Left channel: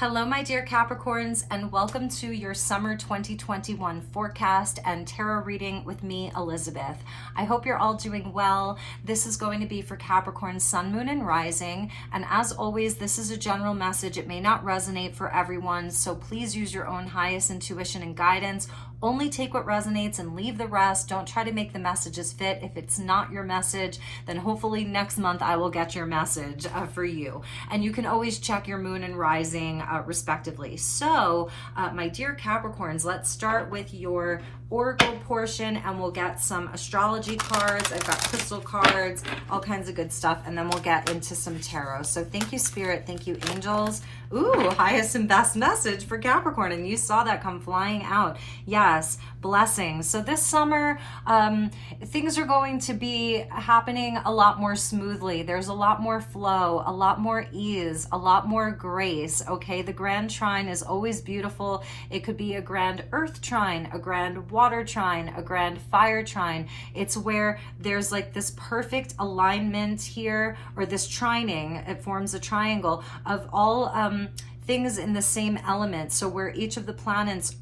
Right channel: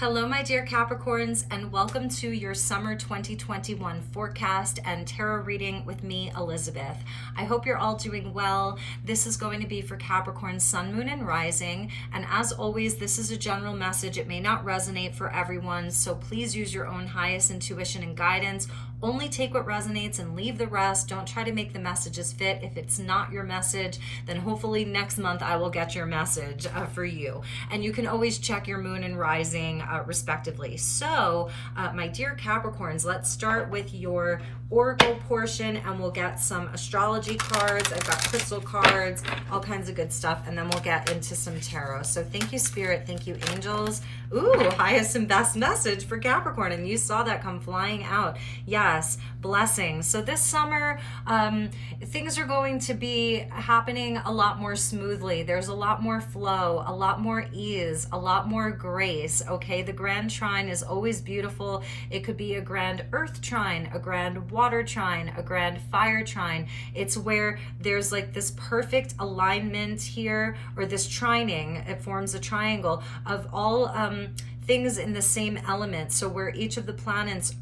Hello, my dear Capricorns, and welcome to your summer 2021 forecast and tarot reading with me, Elizabeth. I hope you're all doing well. This is going to be for Capricorn, Sun, Moon, and Rising. And as always, this is a general message. It may not resonate for everyone, so please use your own highest intuition and guidance. Only take what resonates and leave the rest. Don't try to make the messages fit. If it's not your message, then hopefully next month I will get your message for you. And you can always check your moon and rising respectively. So, my dear Capricorns, let's start with your oracle portion and we'll get some astrology cards. I've got crystal cards, all kinds of good stuff, and then we'll get into some tarot. So thank you, Spirit. Thank you, angels. Ooh, highest and best message for Capricorn, and you saw that come flying out. Yes, blessings. So this summer, things are going to be happening a lot more smoothly. There's a lot more flow, a lot more ease, a lot more grace, okay? The grand trine is always beautiful. It could be a grand earth trine, a grand water trine, a grand fire trine. It's where there's like this perfect alignment here, or this trining, it forms a triangle of all things in the same element. So where each of the planets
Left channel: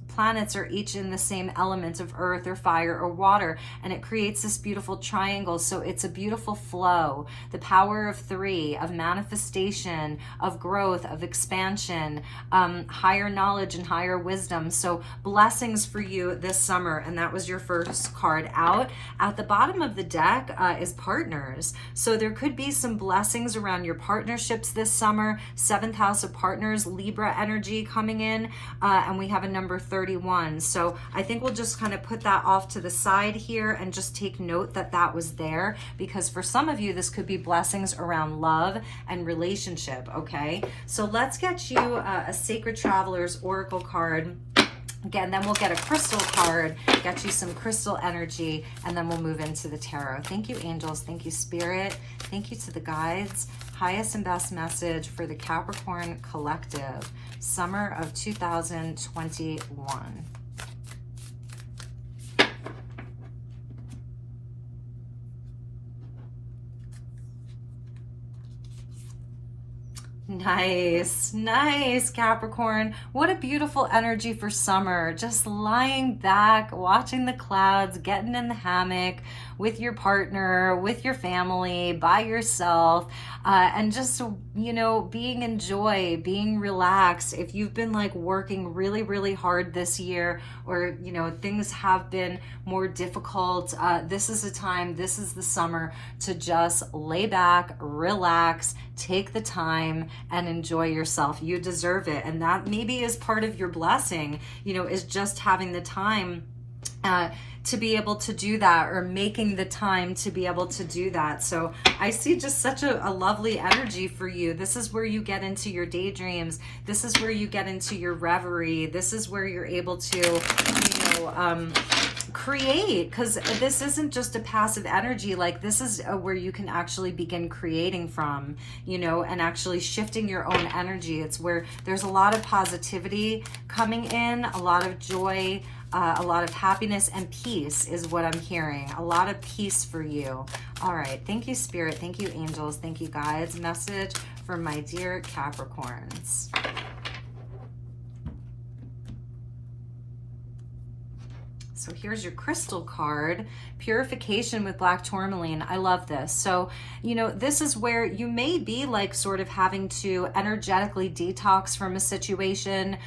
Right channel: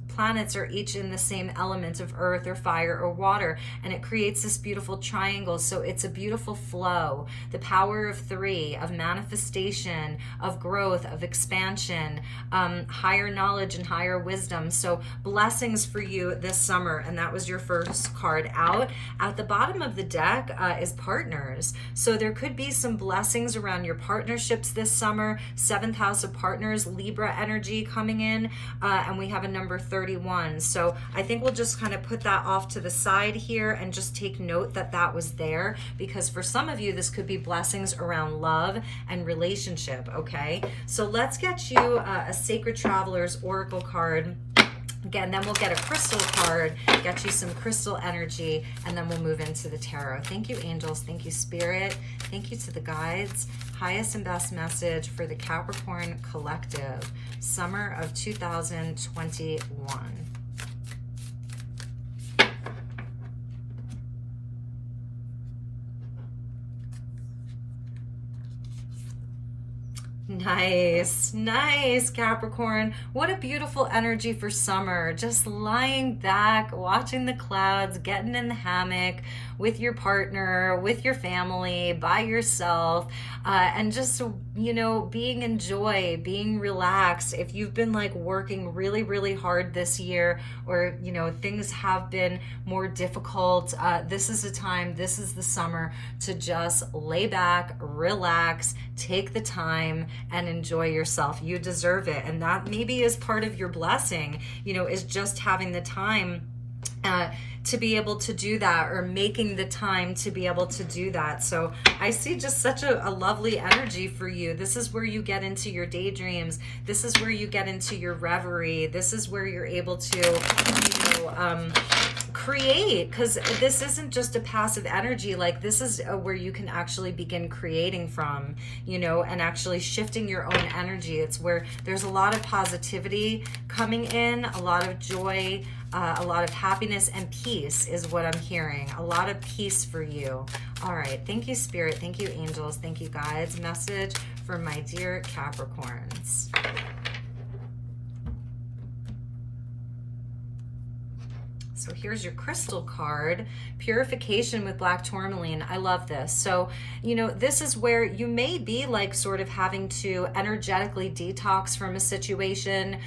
are each in the same element of earth or fire or water, and it creates this beautiful triangle. So it's a beautiful flow, the power of three, of manifestation, of growth, of expansion, higher knowledge and higher wisdom. So blessings for you this summer, and that was your first card out. At the bottom of the deck is partners. So there could be some blessings around your partnerships this summer. 7th house of partners, Libra energy coming in, and we have a number 31. So I think we'll just kind of put that off to the side here and just take note that that was there, because for some of you, this could be blessings around love and relationship, okay? So let's get you a Sacred Traveler's Oracle card. Again, then we'll get a crystal card, get you some crystal energy, and then we'll move into the tarot. Thank you, angels. Thank you, Spirit. Thank you to the guides. Highest and best message for the Capricorn collective, summer of 2021. Nice, Capricorn. What a beautiful energy for summer. Just lying back, watching the clouds, getting in the hammock with your partner, with your family, by yourself, and just, you know, being in joy, being relaxed. If you've been like working really, really hard this year, or, you know, things have been more difficult, this is the time, this is the summer to just lay back, relax, take the time and enjoy yourself. You deserve it. And that maybe is part of your blessing, you know, is just having the time to be able to do that, or making the time to be able to do that. So I see just such a lovely energy for you. This is where you get into your daydreams. This is where you get into your reverie. This is where you're able to, you know, create, because this isn't just a passive energy. Like, this is where you can actually begin creating from, you know, and actually shifting your own energy. It's where there's a lot of positivity coming in, a lot of joy, a lot of happiness and peace is what I'm hearing. A lot of peace for you. All right. Thank you, Spirit. Thank you, angels. Thank you, guides. Message for my dear Capricorns. So here's your crystal card, Purification with Black Tourmaline. I love this. So, you know, this is where you may be like sort of having to energetically detox from a situation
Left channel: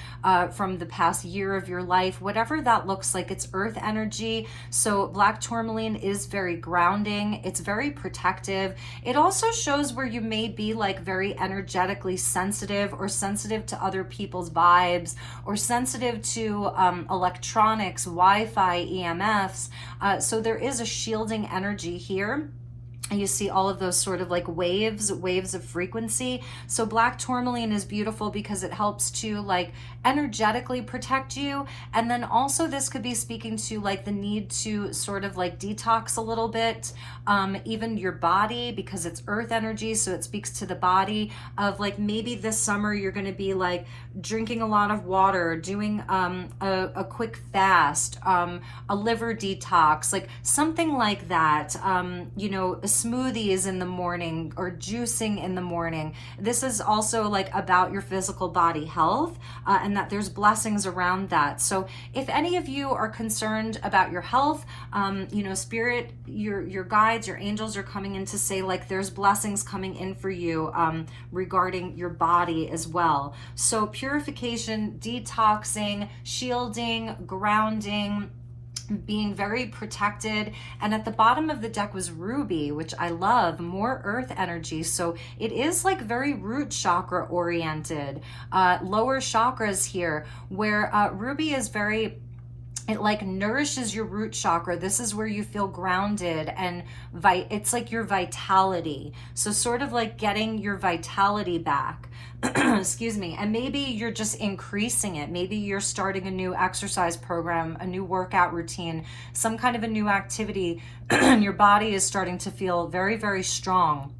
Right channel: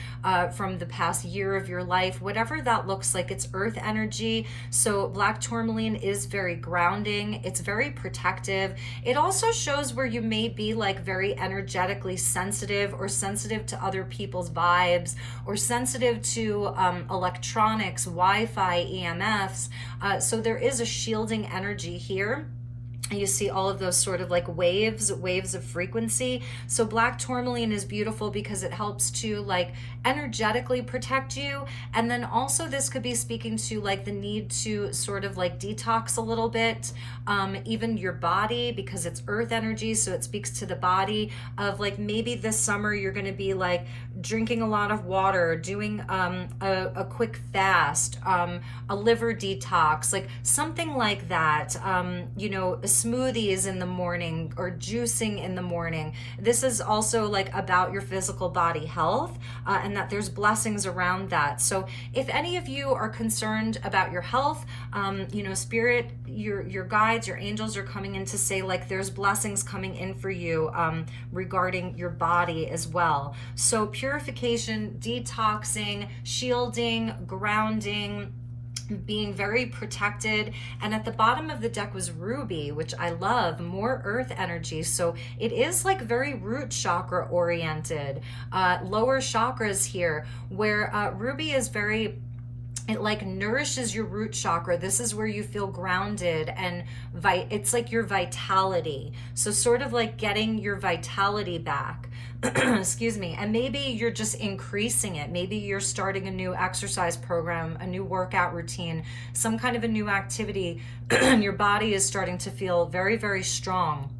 from the past year of your life, whatever that looks like. It's earth energy. So Black Tourmaline is very grounding. It's very protective. It also shows where you may be like very energetically sensitive, or sensitive to other people's vibes, or sensitive to electronics, Wi-Fi, EMFs. So there is a shielding energy here. You see all of those sort of like waves of frequency. So Black Tourmaline is beautiful because it helps to like energetically protect you. And then also this could be speaking to like the need to sort of like detox a little bit, even your body, because it's earth energy. So it speaks to the body of like, maybe this summer you're going to be like drinking a lot of water, doing a quick fast, a liver detox, like something like that, you know, smoothies in the morning or juicing in the morning. This is also like about your physical body health, and that there's blessings around that. So if any of you are concerned about your health, you know, spirit, your guides, your angels are coming in to say like there's blessings coming in for you regarding your body as well. So purification, detoxing, shielding, grounding, being very protected. And at the bottom of the deck was ruby, which I love, more earth energy. So it is like very root chakra oriented, lower chakras here, where ruby is very, it like nourishes your root chakra. This is where you feel grounded, and it's like your vitality. So sort of like getting your vitality back. Excuse me. And maybe you're just increasing it. Maybe you're starting a new exercise program, a new workout routine, some kind of a new activity, and your body is starting to feel very, very strong.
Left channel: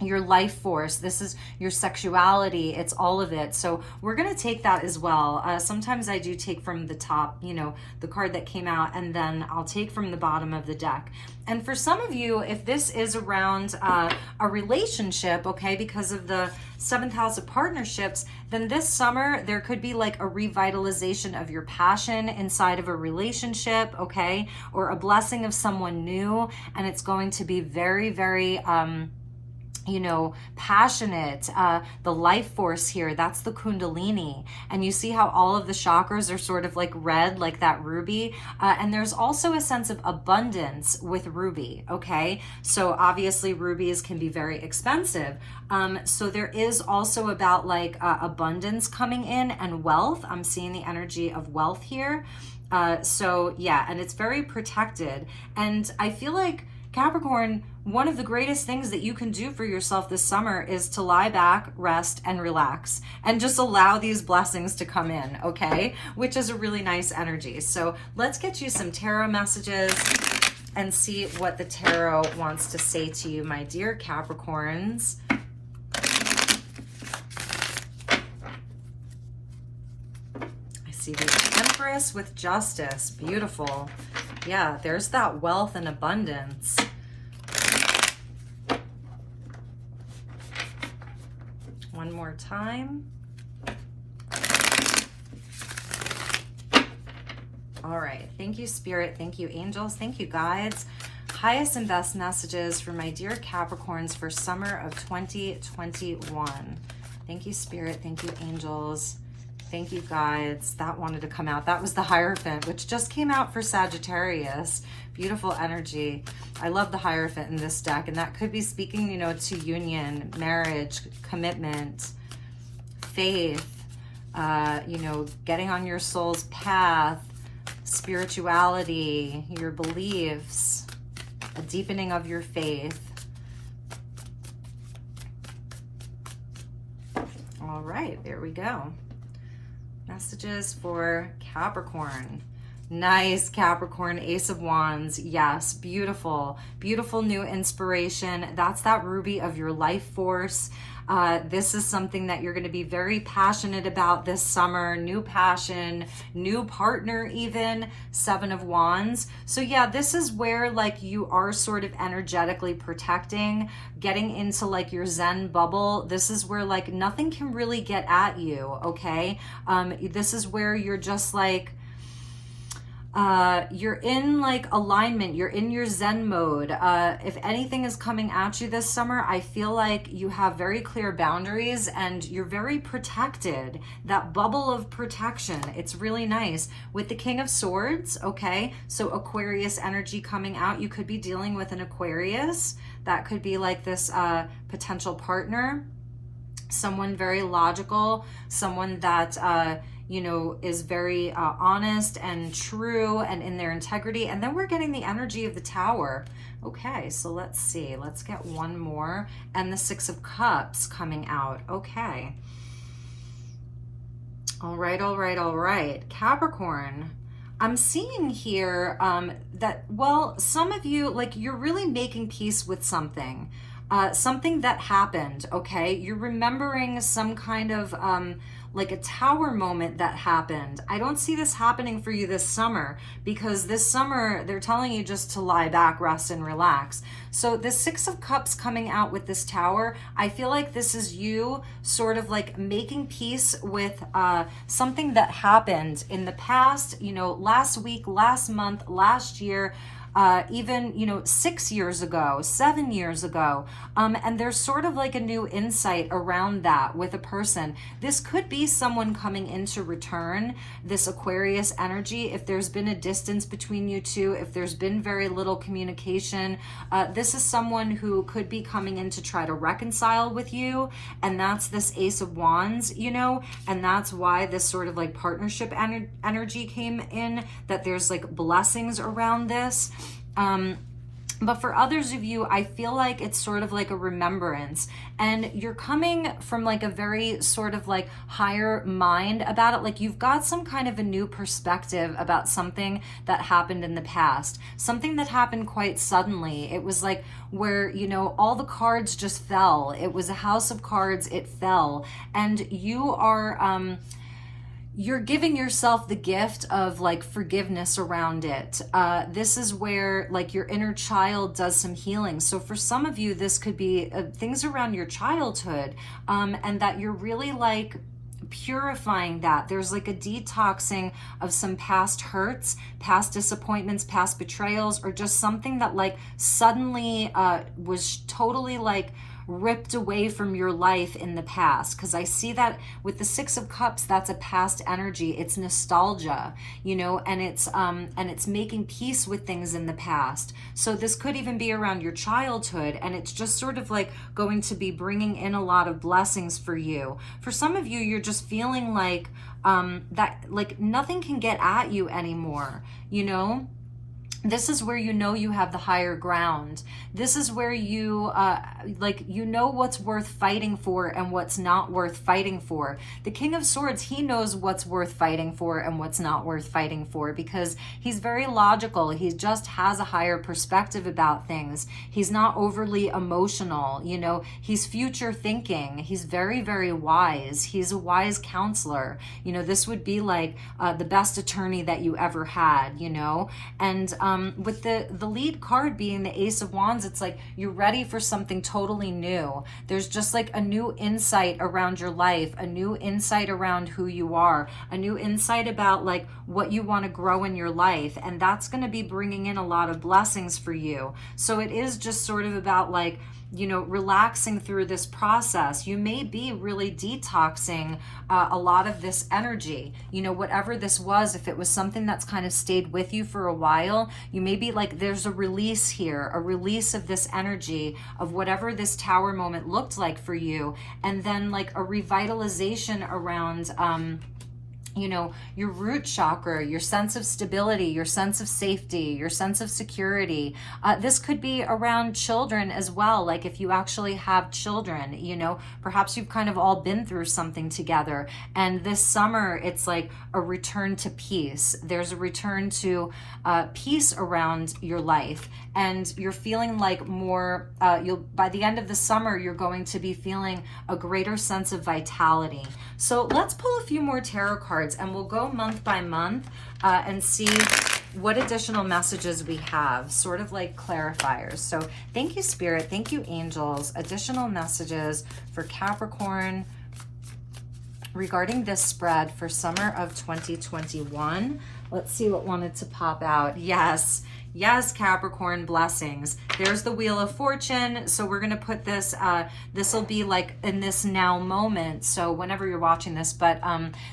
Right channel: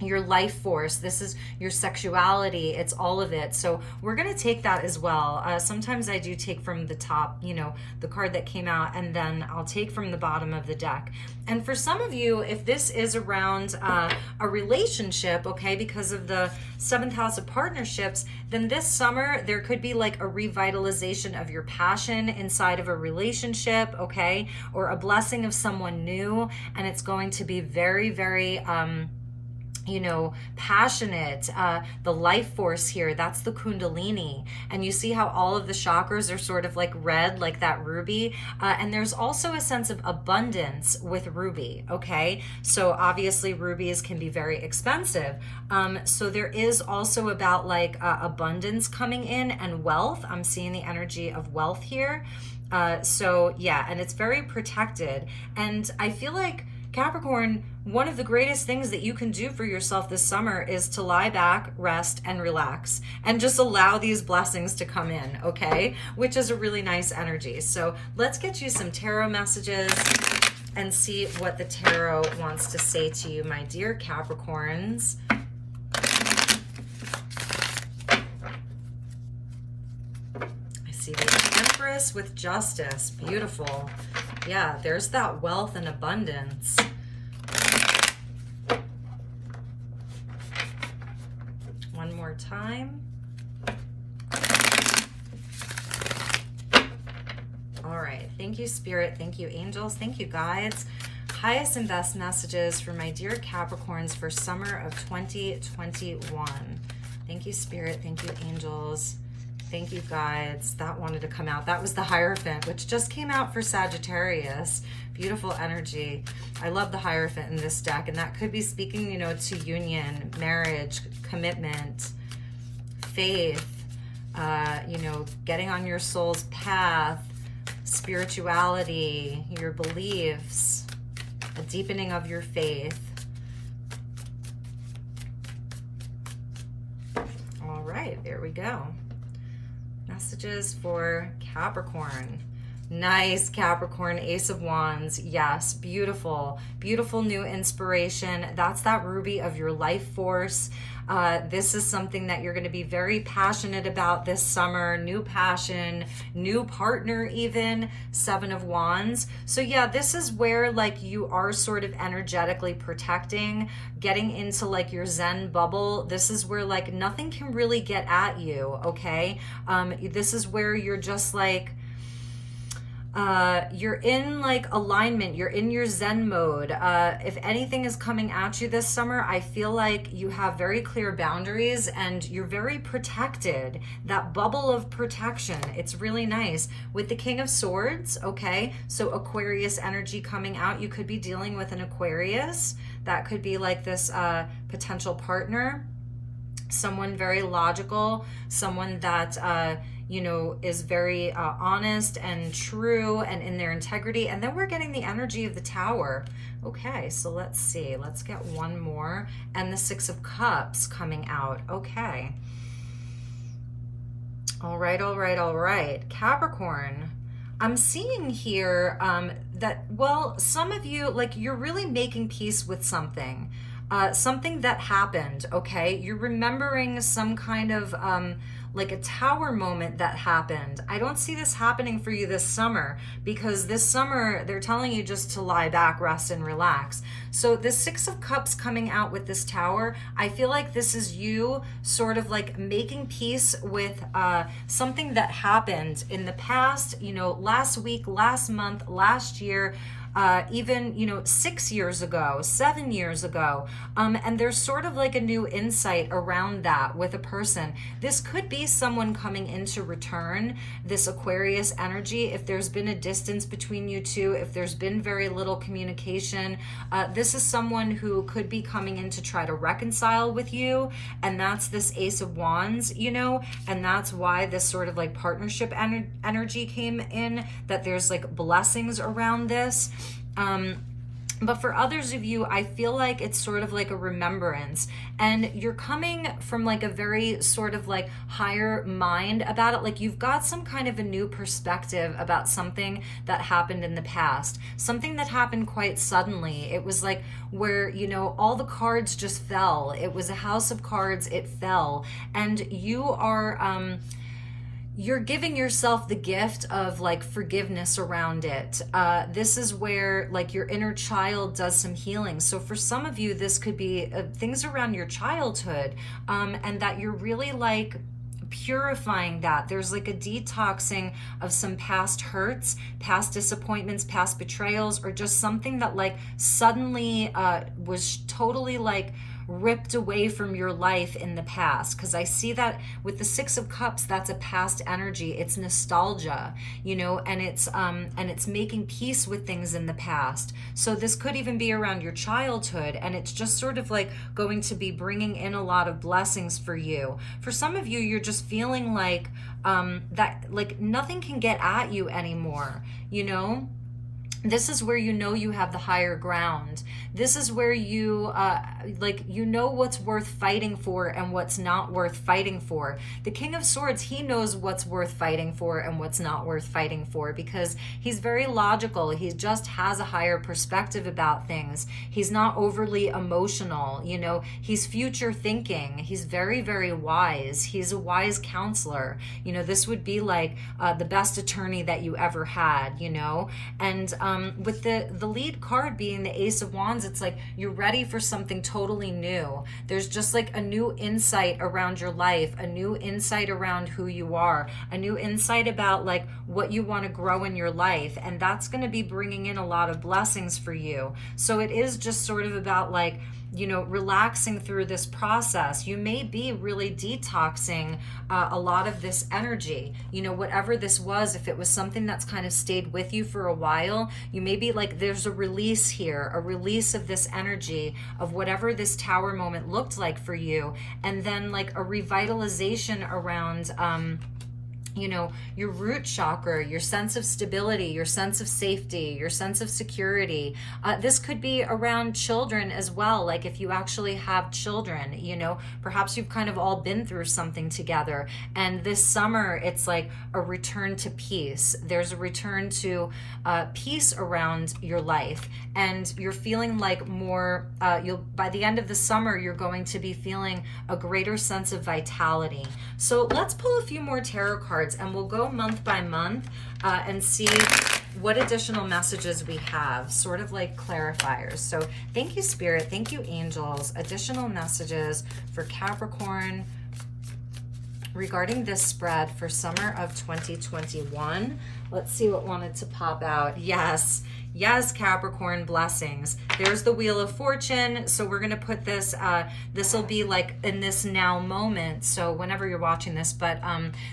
Your life force, this is your sexuality, it's all of it. So we're going to take that as well. Sometimes I do take from the top, you know, the card that came out, and then I'll take from the bottom of the deck. And for some of you, if this is around a relationship, okay, because of the 7th house of partnerships, then this summer there could be like a revitalization of your passion inside of a relationship, okay, or a blessing of someone new, and it's going to be very, very you know, passionate. The life force here, that's the Kundalini. And you see how all of the chakras are sort of like red, like that ruby. And there's also a sense of abundance with ruby, okay? So obviously rubies can be very expensive. So there is also about like abundance coming in and wealth. I'm seeing the energy of wealth here. So yeah, and it's very protected. And I feel like Capricorn, one of the greatest things that you can do for yourself this summer is to lie back, rest, and relax, and just allow these blessings to come in, okay? Which is a really nice energy. So let's get you some tarot messages and see what the tarot wants to say to you, my dear Capricorns. I see the Empress with Justice. Beautiful. Yeah, there's that wealth and abundance. One more time. All right. Thank you, Spirit. Thank you, angels. Thank you, guides. Highest and best messages for my dear Capricorns for summer of 2021. Thank you, Spirit. Thank you, angels. Thank you, guides. That wanted to come out. That was the Hierophant, which just came out for Sagittarius. Beautiful energy. I love the Hierophant in this deck, and that could be speaking, you know, to union, marriage, commitment, faith, you know, getting on your soul's path, spirituality, your beliefs, a deepening of your faith. All right, there we go. Messages for Capricorn. Nice, Capricorn. Ace of Wands. Yes, beautiful. Beautiful new inspiration. That's that ruby of your life force. This is something that you're going to be very passionate about this summer. New passion, new partner even. 7 of Wands. So yeah, this is where like you are sort of energetically protecting, getting into like your Zen bubble. This is where like nothing can really get at you, okay? This is where you're just like, you're in like alignment, you're in your Zen mode. If anything is coming at you this summer, I feel like you have very clear boundaries and you're very protected. That bubble of protection, it's really nice. With the King of Swords, okay, so Aquarius energy coming out, you could be dealing with an Aquarius. That could be like this potential partner, someone very logical, someone that you know, is very honest and true and in their integrity. And then we're getting the energy of the Tower. Okay, so let's see. Let's get one more. And the 6 of Cups coming out. Okay. All right, all right, all right. Capricorn, I'm seeing here that, well, some of you, like, you're really making peace with something. Something that happened, okay? You're remembering some kind of like a tower moment that happened. I don't see this happening for you this summer, because this summer they're telling you just to lie back, rest, and relax. So the Six of Cups coming out with this Tower, I feel like this is you sort of like making peace with something that happened in the past, you know, last week, last month, last year, even, you know, 6 years ago, 7 years ago. And there's sort of like a new insight around that with a person. This could be someone coming into return, this Aquarius energy. If there's been a distance between you two, if there's been very little communication, this is someone who could be coming in to try to reconcile with you. And that's this Ace of Wands, you know, and that's why this sort of like partnership energy came in, that there's like blessings around this. But for others of you, I feel like it's sort of like a remembrance, and you're coming from like a very sort of like higher mind about it. Like you've got some kind of a new perspective about something that happened in the past, something that happened quite suddenly. It was like where, you know, all the cards just fell. It was a house of cards, it fell. And you are, you're giving yourself the gift of like forgiveness around it. This is where like your inner child does some healing. So for some of you, this could be things around your childhood, and that you're really like purifying that. There's like a detoxing of some past hurts, past disappointments, past betrayals, or just something that like suddenly was totally like ripped away from your life in the past. Because I see that with the Six of Cups, that's a past energy. It's nostalgia, you know, and it's making peace with things in the past. So this could even be around your childhood, and it's just sort of like going to be bringing in a lot of blessings for you. For some of you, you're just feeling like that like nothing can get at you anymore, you know. This is where you know you have the higher ground. This is where you, like, you know what's worth fighting for and what's not worth fighting for. The King of Swords, he knows what's worth fighting for and what's not worth fighting for, because he's very logical. He just has a higher perspective about things. He's not overly emotional, you know. He's future thinking. He's very, very wise. He's a wise counselor. You know, this would be like the best attorney that you ever had, you know. And with the lead card being the Ace of Wands, it's like you're ready for something totally new. There's just like a new insight around your life, a new insight around who you are, a new insight about like what you want to grow in your life, and that's going to be bringing in a lot of blessings for you. So it is just sort of about like, you know, relaxing through this process. You may be really detoxing a lot of this energy, you know, whatever this was. If it was something that's kind of stayed with you for a while, you may be like, there's a release here, a release of this energy of whatever this Tower moment looked like for you. And then like a revitalization around, you know, your root chakra, your sense of stability, your sense of safety, your sense of security. This could be around children as well. Like if you actually have children, you know, perhaps you've kind of all been through something together. And this summer, it's like a return to peace. There's a return to peace around your life. And you're feeling like more, by the end of the summer, you're going to be feeling a greater sense of vitality. So let's pull a few more tarot cards, and we'll go month by month and see what additional messages we have, sort of like clarifiers. So thank you, Spirit. Thank you, angels. Additional messages for Capricorn regarding this spread for summer of 2021. Let's see what wanted to pop out. Yes. Yes, Capricorn, blessings. There's the Wheel of Fortune. So we're going to put this, this will be like in this now moment. So whenever you're watching this, but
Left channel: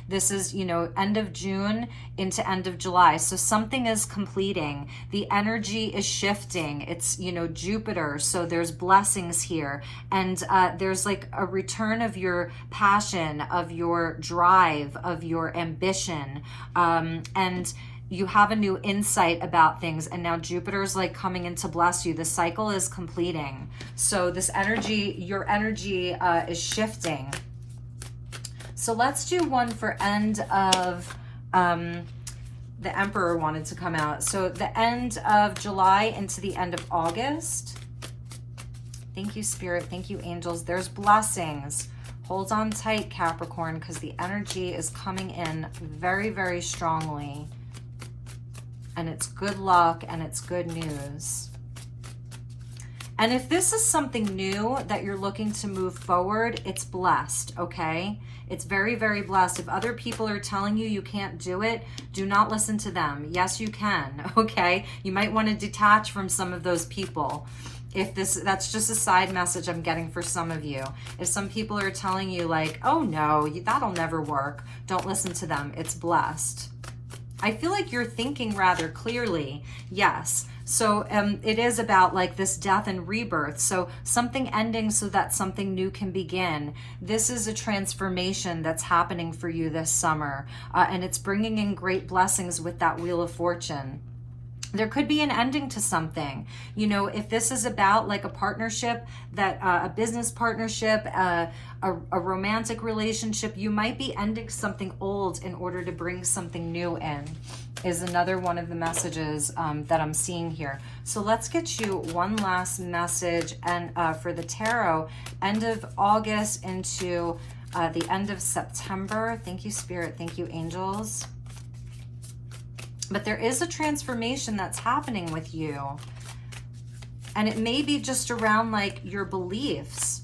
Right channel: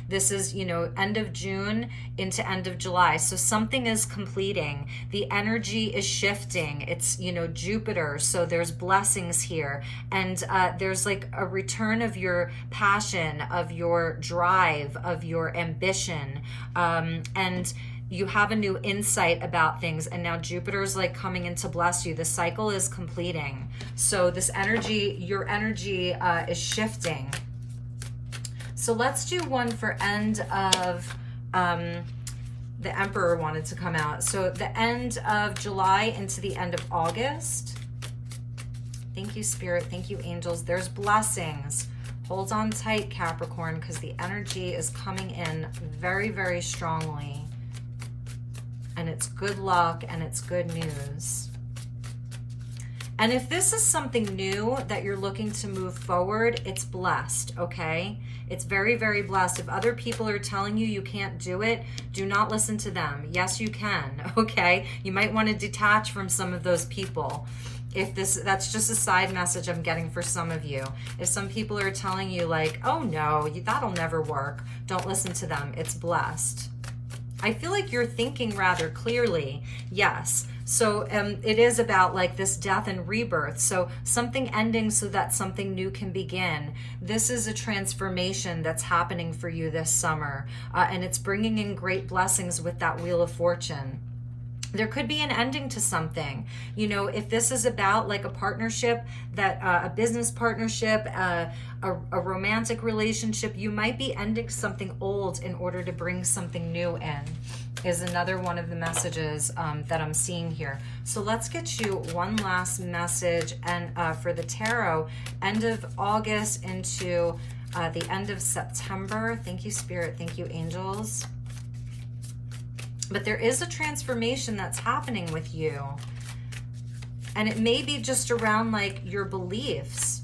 this is, you know, end of June into end of July. So something is completing. The energy is shifting. It's, you know, Jupiter. So there's blessings here. And there's like a return of your passion, of your drive, of your ambition. And you have a new insight about things, and now Jupiter's like coming in to bless you. The cycle is completing. So this energy, your energy is shifting. So let's do one for end of, the Emperor wanted to come out. So the end of July into the end of August. Thank you, Spirit. Thank you, angels. There's blessings. Hold on tight, Capricorn, because the energy is coming in very, very strongly. And it's good luck, and it's good news. And if this is something new that you're looking to move forward, it's blessed, okay? It's very, very blessed. If other people are telling you you can't do it, do not listen to them. Yes, you can, okay? You might want to detach from some of those people. That's just a side message I'm getting for some of you. If some people are telling you like, oh no, that'll never work, don't listen to them. It's blessed. I feel like you're thinking rather clearly. Yes. So it is about like this death and rebirth. So something ending so that something new can begin. This is a transformation that's happening for you this summer. And it's bringing in great blessings with that Wheel of Fortune. There could be an ending to something. You know, if this is about like a partnership, that a business partnership, a romantic relationship, you might be ending something old in order to bring something new in, is another one of the messages that I'm seeing here. So let's get you one last message, and for the tarot, end of August into the end of September. Thank you, Spirit. Thank you, angels. But there is a transformation that's happening with you. And it may be just around like your beliefs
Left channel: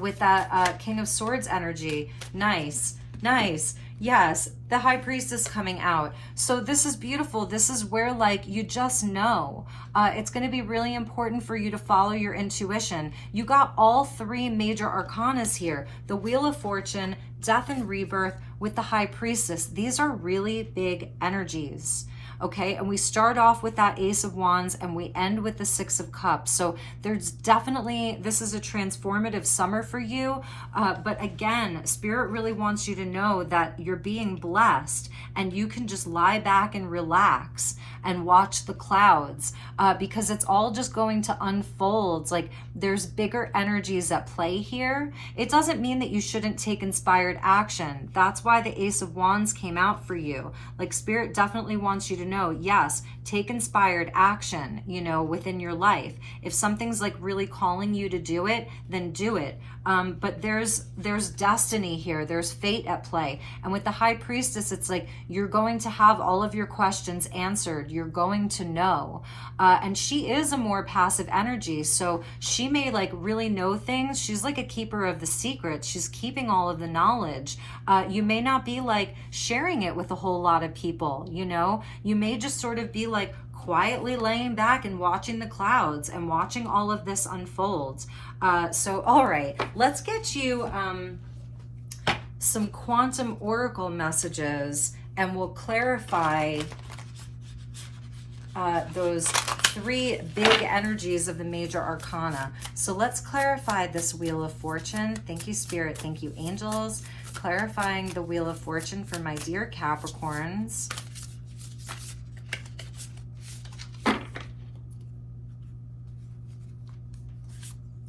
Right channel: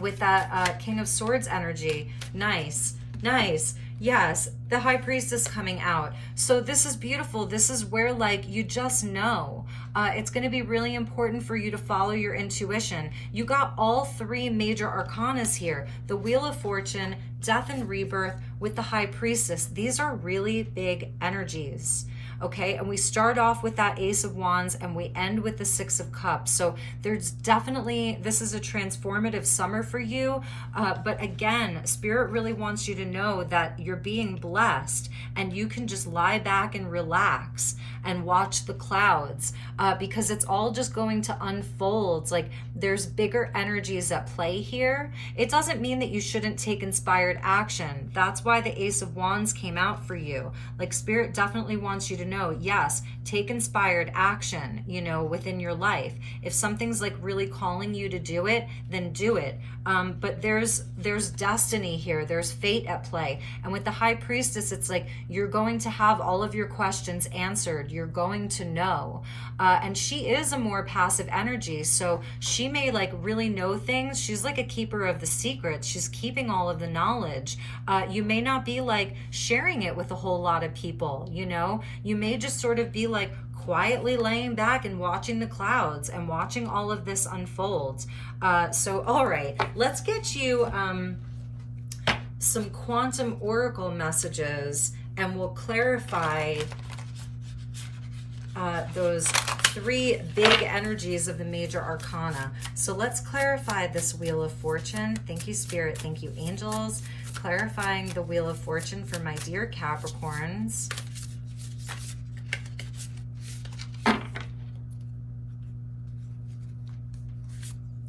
with that King of Swords energy. Nice, nice. Yes, the High Priestess coming out. So this is beautiful. This is where like you just know. It's going to be really important for you to follow your intuition. You got all three major arcanas here. The Wheel of Fortune, Death and Rebirth with the High Priestess. These are really big energies. Okay, and we start off with that Ace of Wands and we end with the Six of Cups. So there's definitely, this is a transformative summer for you. But again, Spirit really wants you to know that you're being blessed and you can just lie back and relax and watch the clouds because it's all just going to unfold. Like there's bigger energies at play here. It doesn't mean that you shouldn't take inspired action. That's why the Ace of Wands came out for you. Like Spirit definitely wants you to know, yes, take inspired action, you know, within your life. If something's like really calling you to do it, then do it. But there's destiny here. There's fate at play. And with the High Priestess, it's like you're going to have all of your questions answered. You're going to know. And she is a more passive energy. So she may like really know things. She's like a keeper of the secrets. She's keeping all of the knowledge. You may not be like sharing it with a whole lot of people, you know? You may just sort of be like quietly laying back and watching the clouds and watching all of this unfold. So, all right, let's get you some quantum oracle messages and we'll clarify those three big energies of the major arcana. So let's clarify this Wheel of Fortune. Thank you, Spirit. Thank you, angels. Clarifying the Wheel of Fortune for my dear Capricorns.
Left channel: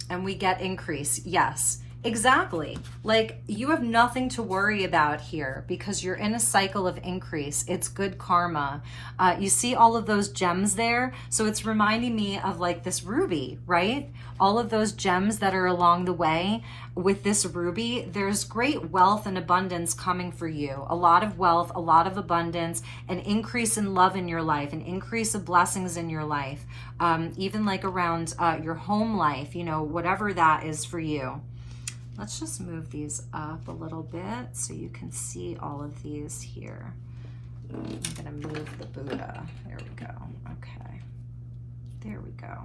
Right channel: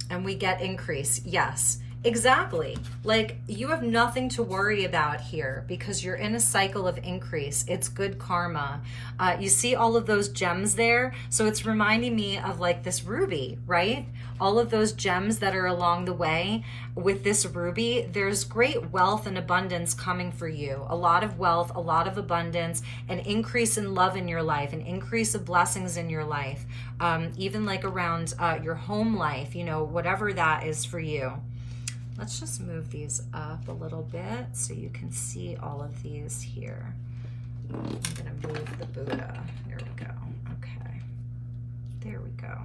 And we get increase. Yes, exactly. Like you have nothing to worry about here because you're in a cycle of increase. It's good karma. You see all of those gems there? So it's reminding me of like this ruby, right? All of those gems that are along the way with this ruby, there's great wealth and abundance coming for you. A lot of wealth, a lot of abundance, an increase in love in your life, an increase of blessings in your life. Even like around your home life, you know, whatever that is for you. Let's just move these up a little bit so you can see all of these here. I'm gonna move the Buddha. There we go. Okay. There we go.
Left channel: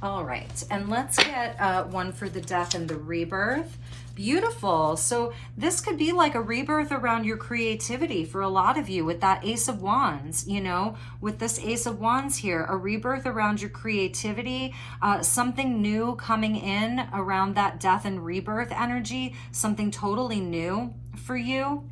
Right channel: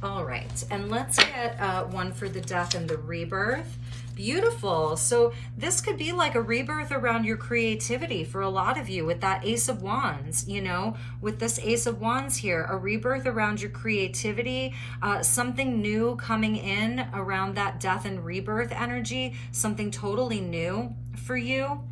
All right, and let's get one for the Death and the Rebirth. Beautiful. So this could be like a rebirth around your creativity for a lot of you with that Ace of Wands, you know, with this Ace of Wands here, a rebirth around your creativity, something new coming in around that death and rebirth energy, something totally new for you.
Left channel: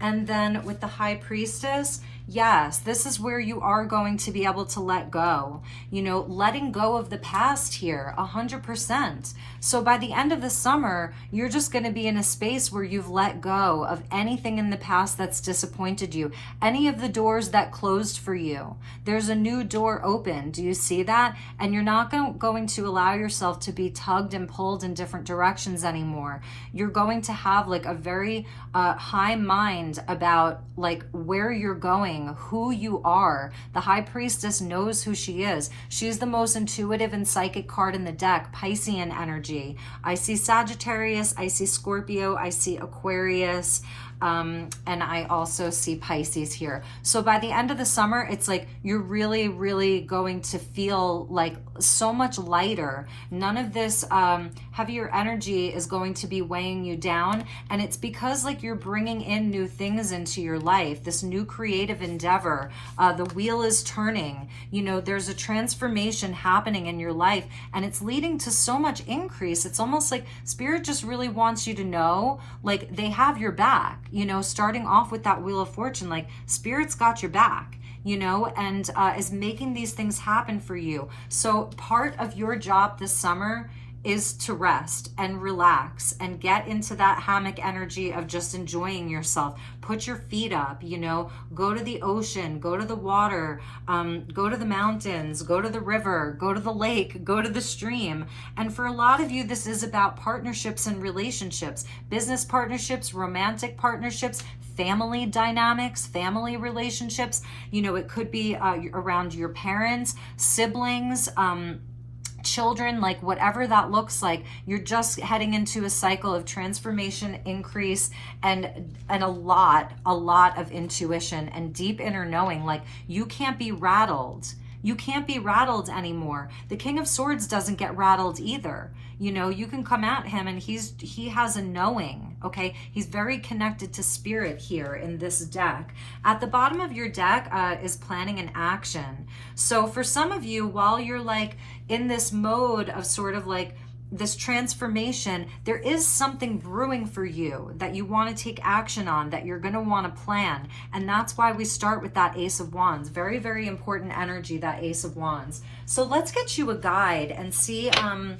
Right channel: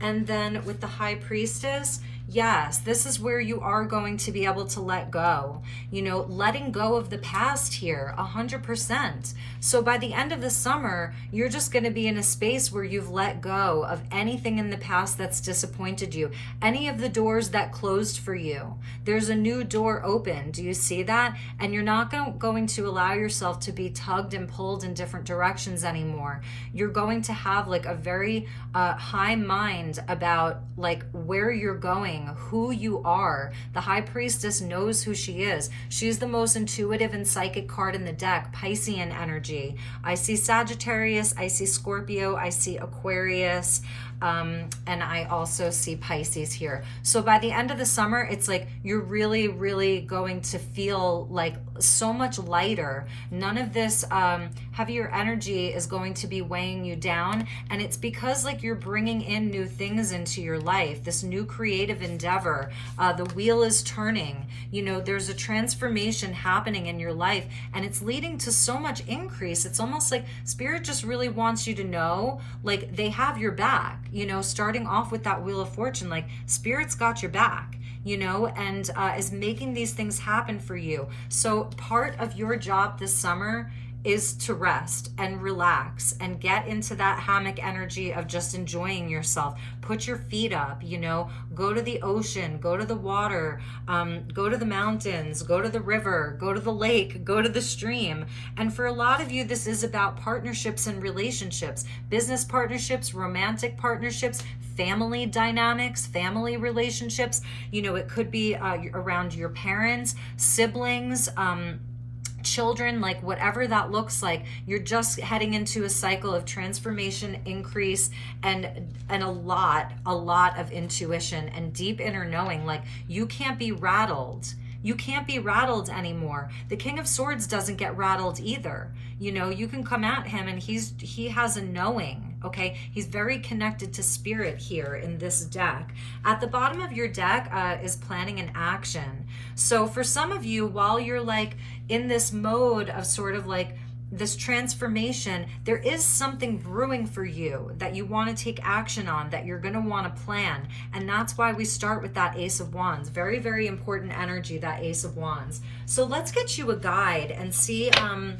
And then with the High Priestess, yes, this is where you are going to be able to let go, you know, letting go of the past here, 100%. So by the end of the summer, you're just going to be in a space where you've let go of anything in the past that's disappointed you, any of the doors that closed for you. There's a new door open. Do you see that? And you're not going to allow yourself to be tugged and pulled in different directions anymore. You're going to have like a very high mind about like where you're going, who you are. The High Priestess knows who she is. She's the most intuitive and psychic card in the deck, Piscean energy. I see Sagittarius, I see Scorpio, I see Aquarius, and I also see Pisces here. So by the end of the summer, it's like you're really, really going to feel like so much lighter. None of this heavier energy is going to be weighing you down. And it's because like you're bringing in new things into your life, this new creative endeavor. The wheel is turning. You know, there's a transformation happening in your life, and it's leading to so much increase. It's almost like Spirit just really wants you to know, like, they have your back, you know, starting off with that Wheel of Fortune, like Spirit's got your back, you know, and is making these things happen for you. So part of your job this summer is to rest and relax and get into that hammock energy of just enjoying yourself. Put your feet up, you know, go to the ocean, go to the water, go to the mountains, go to the river, go to the lake, go to the stream. And for a lot of you, this is about partnerships and relationships, business partnerships, romantic partnerships, family dynamics, family relationships. You know, it could be around your parents, siblings, children, like whatever that looks like. You're just heading into a cycle of transformation, increase, and a lot of intuition and deep inner knowing. Like, you can't be rattled. You can't be rattled anymore. The King of Swords doesn't get rattled either. You know, you can come at him and he has a knowing, okay? He's very connected to Spirit here in this deck. At the bottom of your deck is planning an action. So for some of you, while you're like in this mode of sort of like this transformation, there is something brewing for you that you want to take action on, that you're going to want to plan. And that's why we start with that Ace of Wands. Very, very important energy, that Ace of Wands. So let's get you a guide and see from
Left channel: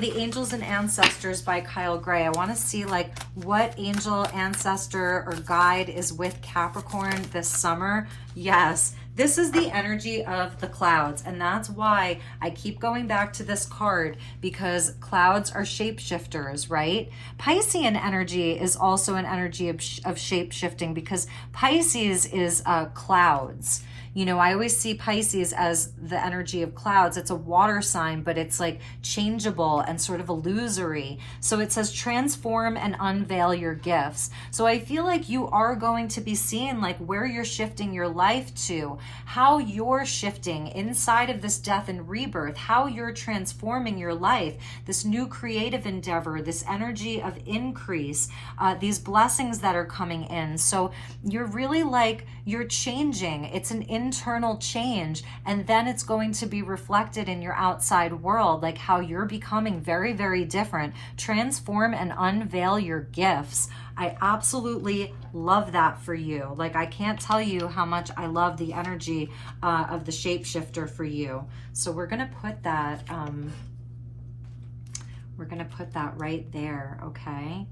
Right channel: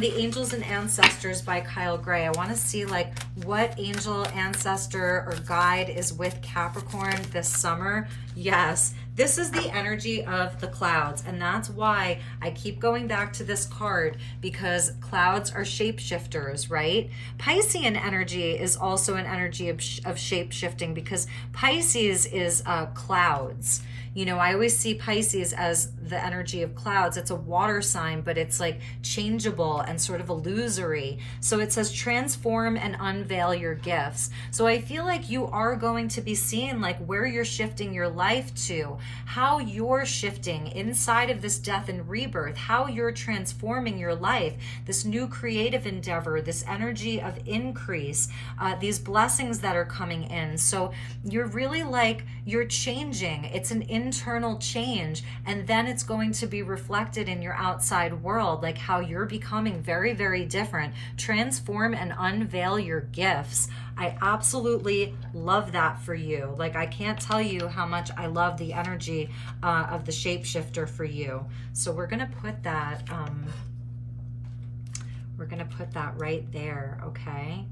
the Angels and Ancestors by Kyle Gray. I want to see like what angel, ancestor, or guide is with Capricorn this summer. Yes, this is the energy of the clouds, and that's why I keep going back to this card, because clouds are shapeshifters, right? Piscean energy is also an energy of shape-shifting, because Pisces is clouds. You know, I always see Pisces as the energy of clouds. It's a water sign, but it's like changeable and sort of illusory. So it says transform and unveil your gifts. So I feel like you are going to be seeing like where you're shifting your life to, how you're shifting inside of this death and rebirth, how you're transforming your life, this new creative endeavor, this energy of increase, these blessings that are coming in. So you're really like, you're changing. It's an internal change, and then it's going to be reflected in your outside world, like how you're becoming very, very different. Transform and unveil your gifts. I absolutely love that for you. Like, I can't tell you how much I love the energy of the shapeshifter for you. So we're gonna put that right there, okay?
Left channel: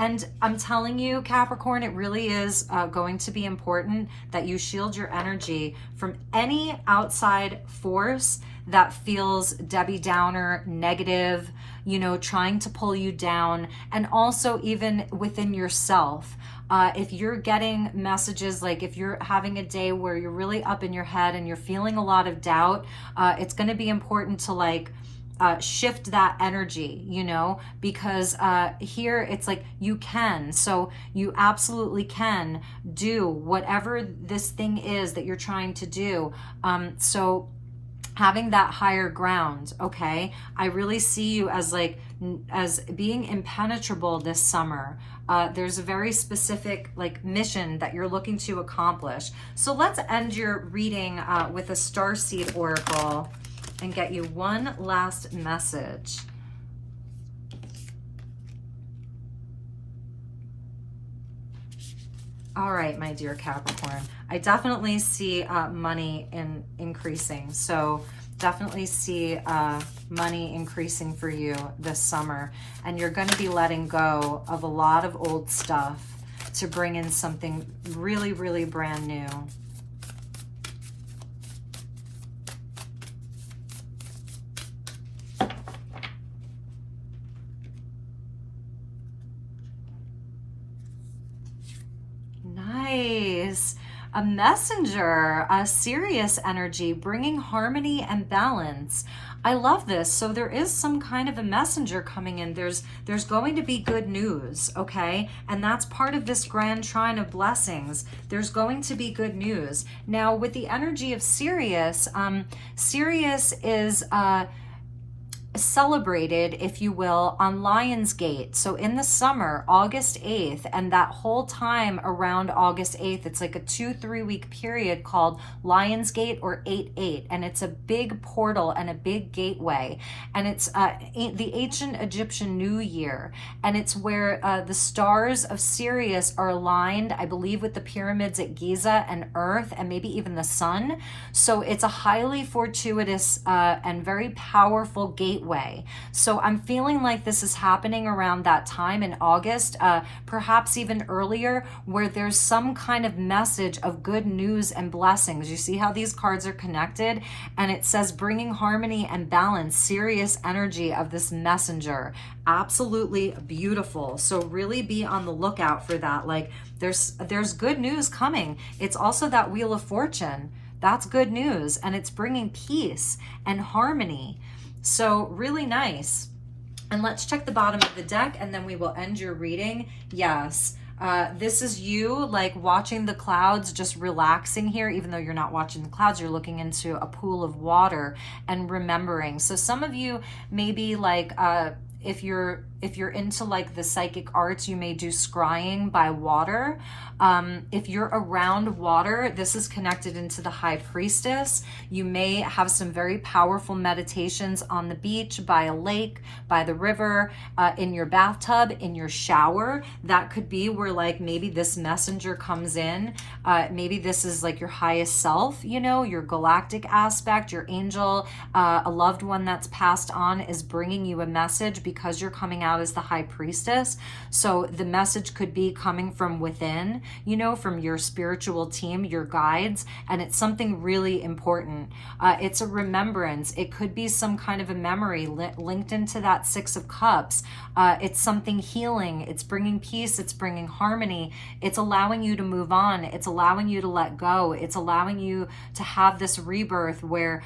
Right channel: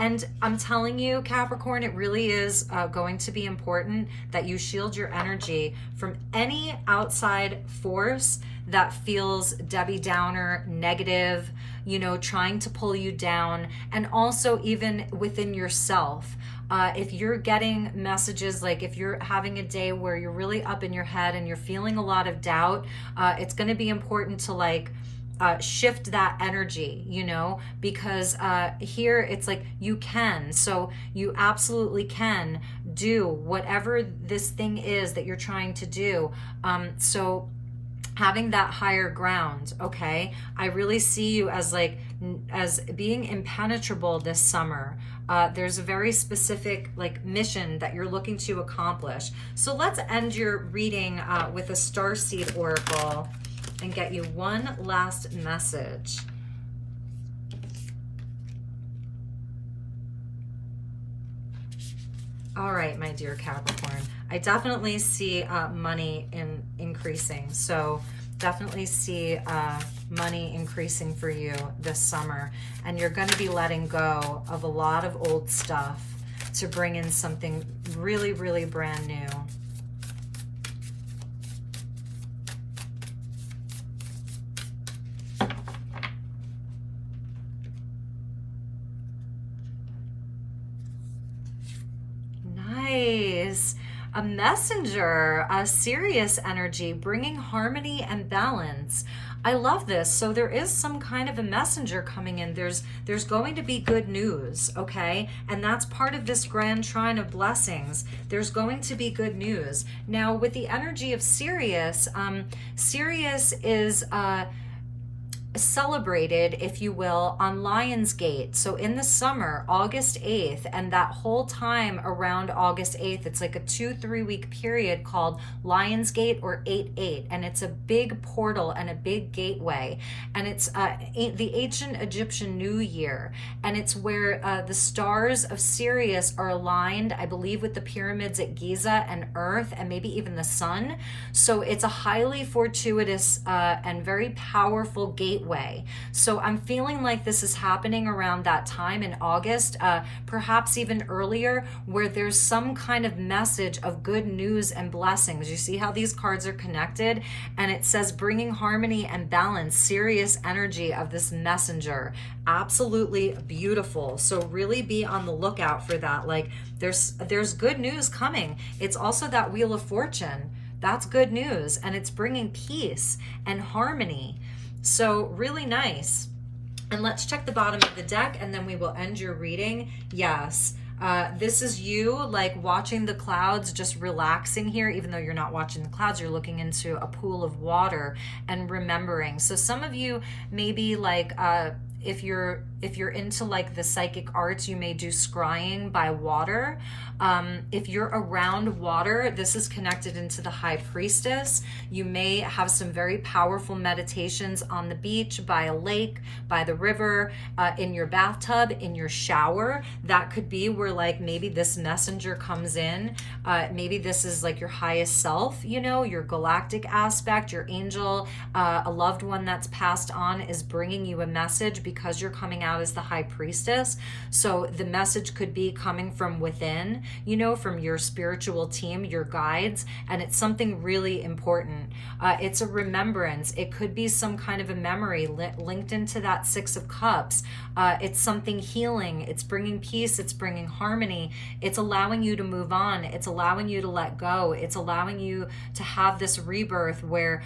And I'm telling you, Capricorn, it really is going to be important that you shield your energy from any outside force that feels Debbie Downer, negative, you know, trying to pull you down, and also even within yourself. If you're getting messages, like if you're having a day where you're really up in your head and you're feeling a lot of doubt, it's going to be important to like shift that energy, you know, because here it's like you can. So you absolutely can do whatever this thing is that you're trying to do. So having that higher ground, okay? I really see you as like, as being impenetrable this summer. There's a very specific like mission that you're looking to accomplish. So let's end your reading with a starseed oracle and get you one last message. All right, my dear Capricorn, I definitely see money increasing. So definitely see money increasing for you this summer. And you're going to be letting go of a lot of old stuff to bring in something really, really brand new. a messenger, a Sirius energy, bringing harmony and balance. I love this. So there is some kind of a messenger coming in. There's going to be good news, okay? And that's part of this grand trine of blessings. There's going to be good news. Now, with the energy of Sirius, Sirius is celebrated, if you will, on Lionsgate. So in the summer, August 8th, and that whole time around August 8th, it's like a 2-3 week period called Lionsgate or 8/8, and it's a big portal and a big gateway, and it's the ancient Egyptian New Year, and it's where the stars of Sirius are aligned, I believe, with the pyramids at Giza and Earth, and maybe even the sun. So it's a highly fortuitous and very powerful gateway. So I'm feeling like this is happening around that time in August, perhaps even earlier, where there's some kind of message of good news and blessings. You see how these cards are connected? And it says bringing harmony and balance, Sirius energy of this messenger. Absolutely beautiful. So really be on the lookout for that. Like there's good news coming. It's also that Wheel of Fortune. That's good news, and it's bringing peace and harmony. So really nice. And let's check the bottom of the deck, and then we will end your reading. Yes, this is you like watching the clouds, just relaxing here. Even though you're not watching the clouds, you're looking into a pool of water and remembering. So some of you maybe like if you're into like the psychic arts, you may do scrying by water. If you're around water, this is connected into the High Priestess. You may have some very powerful meditations on the beach, by a lake, by the river, in your bathtub, in your shower. That could be where like maybe this messenger comes in. Maybe this is like your highest self, you know, your galactic aspect, your angel, a loved one that's passed on is bringing you a message because you're coming out as the High Priestess. So the message could be coming from within, you know, from your spiritual team, your guides, and it's something really important. It's a remembrance. It could be some kind of a memory linked into that Six of Cups. It's something healing. It's bringing peace. It's bringing harmony. It's allowing you to move on. It's allowing you to let go. It's allowing you to have this rebirth where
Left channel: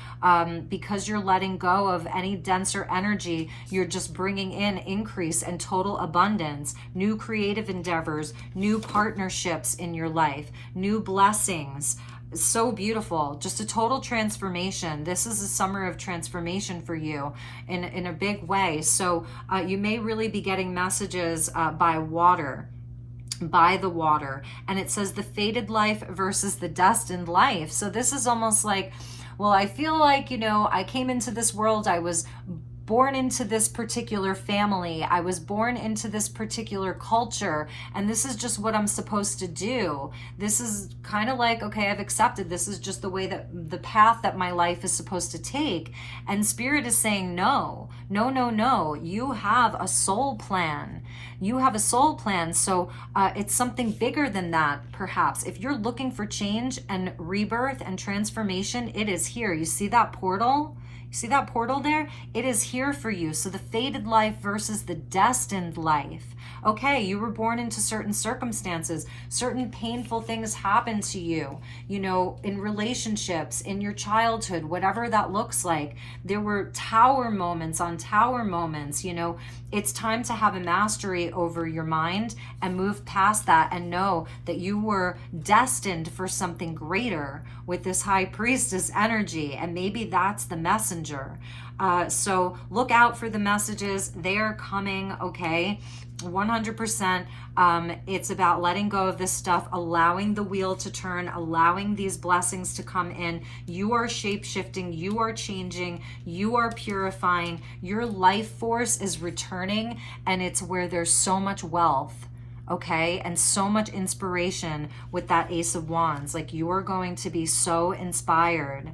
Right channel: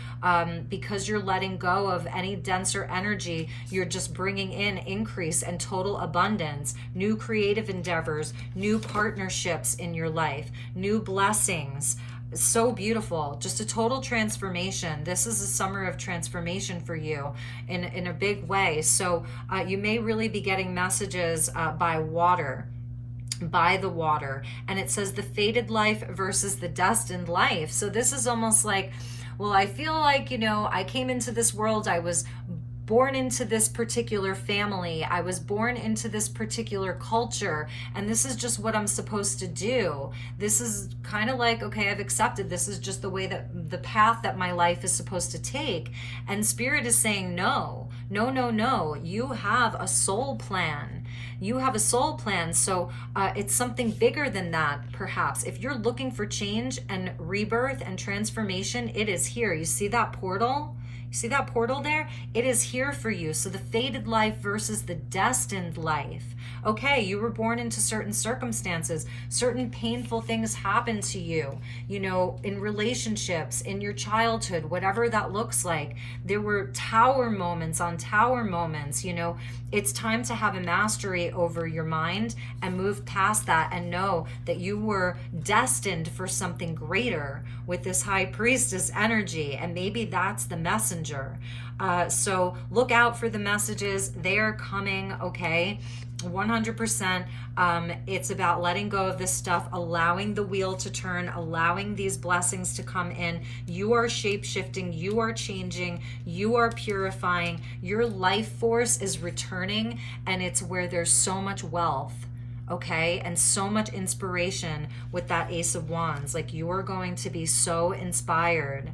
because you're letting go of any denser energy, you're just bringing in increase and total abundance, new creative endeavors, new partnerships in your life, new blessings. So beautiful. Just a total transformation. This is a summer of transformation for you in a big way. So you may really be getting messages by water, by the water. And it says the fated life versus the destined life. So this is almost like, well, I feel like, you know, I came into this world, I was born into this particular family, I was born into this particular culture, and this is just what I'm supposed to do. This is kind of like, okay, I've accepted this is just the way that the path that my life is supposed to take. And Spirit is saying, no, no, no, no, you have a soul plan. You have a soul plan. So it's something bigger than that, perhaps. If you're looking for change and rebirth and transformation, it is here. You see that portal? See that portal there? It is here for you. So the fated life versus the destined life. Okay, you were born into certain circumstances. Certain painful things happened to you, you know, in relationships, in your childhood, whatever that looks like. There were tower moments on tower moments, you know. It's time to have a mastery over your mind and move past that and know that you were destined for something greater with this High Priestess energy. And maybe that's the messenger. So look out for the messages. They are coming, okay? 100%. It's about letting go of this stuff, allowing the wheel to turn, allowing these blessings to come in. You are shape-shifting, you are changing, you are purifying. Your life force is returning, and it's where there's so much wealth, okay, and so much inspiration with that Ace of Wands. Like, you are going to be so inspired,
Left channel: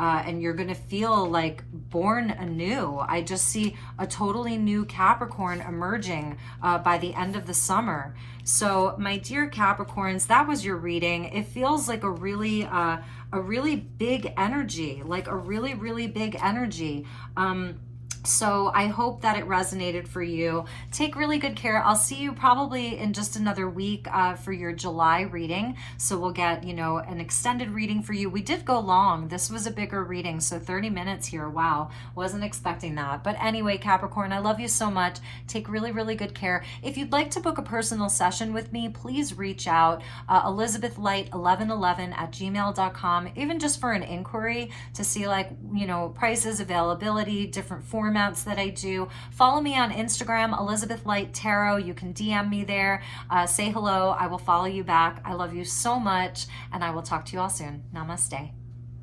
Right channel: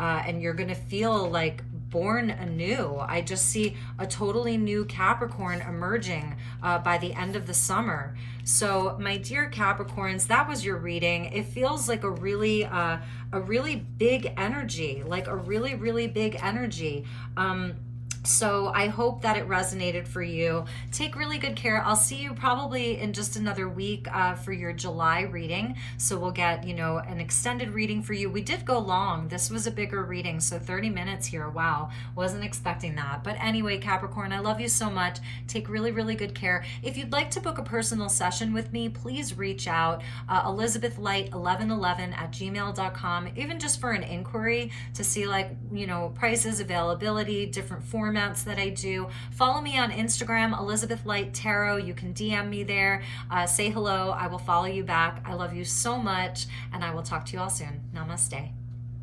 and you're going to feel like born anew. I just see a totally new Capricorn emerging by the end of the summer. So my dear Capricorns, that was your reading. It feels like a really big energy, like a really, really big energy. So I hope that it resonated for you. Take really good care. I'll see you probably in just another week for your July reading. So we'll get, you know, an extended reading for you. We did go long. This was a bigger reading. So 30 minutes here. Wow. Wasn't expecting that. But anyway, Capricorn, I love you so much. Take really, really good care. If you'd like to book a personal session with me, please reach out. elizabethlight1111@gmail.com, even just for an inquiry to see, like, you know, prices, availability, different formats that I do. Follow me on Instagram, Elizabeth Light Tarot. You can DM me there. Say hello. I will follow you back. I love you so much, and I will talk to you all soon. Namaste.